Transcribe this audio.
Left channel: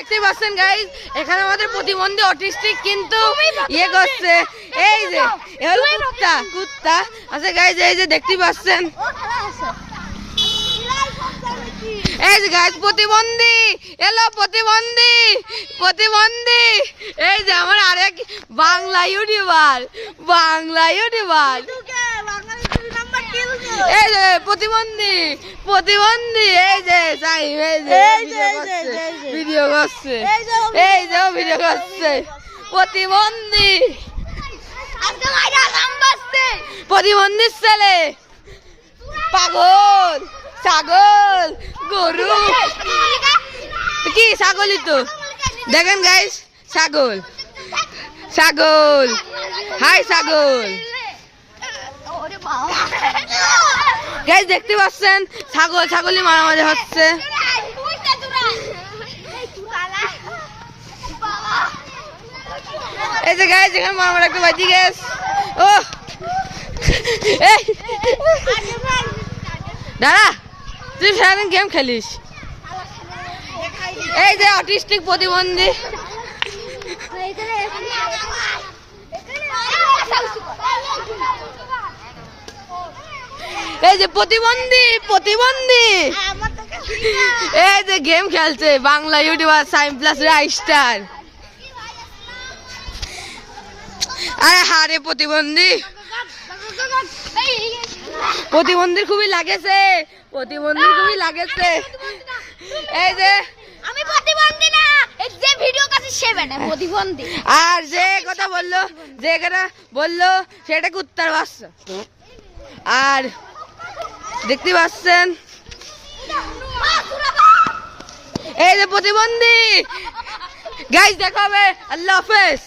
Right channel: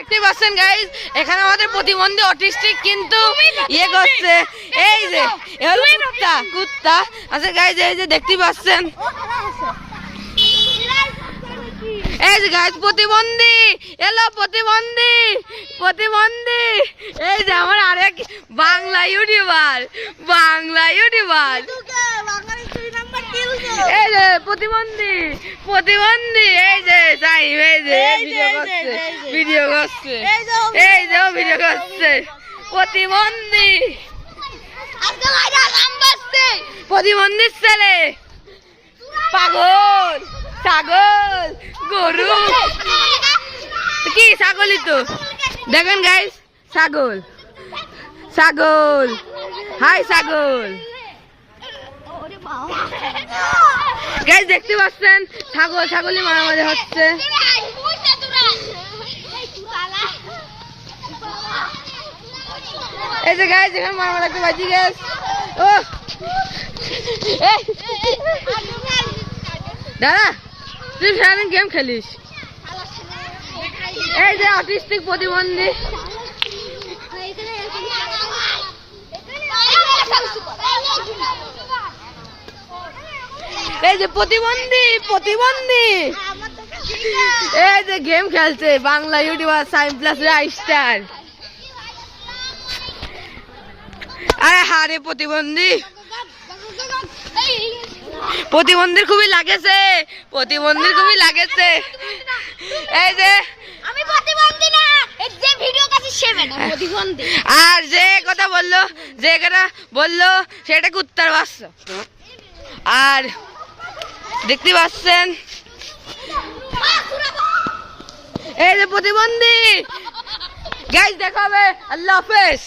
দেখতে পাচ্ছেন গাইস, এখানে আমাদের প্রতিবন্ধী অটিস্টিক কিন্তু ইয়ে করছে। এই যে কুত্তা কুত্তা আচ্ছা গাইস, এই যে দেখতে পাচ্ছেন, এই যে গাইস প্রতিবন্ধী এলো, প্রতিবন্ধী প্রতিবন্ধী। এই যে আমার আরেক বাংলা ইউটিউবার, বাংলা ইউটিউবার, এই যে প্রতিবন্ধী প্রতিবন্ধী। এই যে সাইম, এই যে ভিডিও করছে, ভিডিও করছে, এই যে ভিডিও করছে প্রতিবন্ধী, প্রতিবন্ধীর ছেলে, পাগল, ছাগল, গরু, কি ছাগলই তো। দেখেন গাইস, ছাগল, ছাগল, হাই ছাগল। গাইস দেখতে পাচ্ছেন, ছাগল ছাগলই মারামারি হচ্ছে। এই যে গাইস, এখানে মারামারি একটা বাজি গেছে। ও দাদা, তুই সারাদিন গেম খেলিস। এই যে অটিস্টিক প্রতিবন্ধী, এই যে প্রতিবন্ধী প্রতিবন্ধী, এই যে গেম খেলছে বাংলা ইউটিউবার সাইম প্লাস রাইস্টার। আরে হারে প্রতিবন্ধী, প্রতিবন্ধীর খুবই লাগেছে, প্রতিবন্ধীর খুবই লাগেছে। এই যে আমি প্রতিবন্ধী না, এই যে ভিডিও কাছে সে বেটা প্রতিবন্ধী। আর যে কথা বললো, যে কথা বললো সেটা কুত্তার বাচ্চা। আর দেখতে পাচ্ছেন, এই যে প্রতিবন্ধী। গাইস দেখা হবে, আল্লাহ হাফেজ।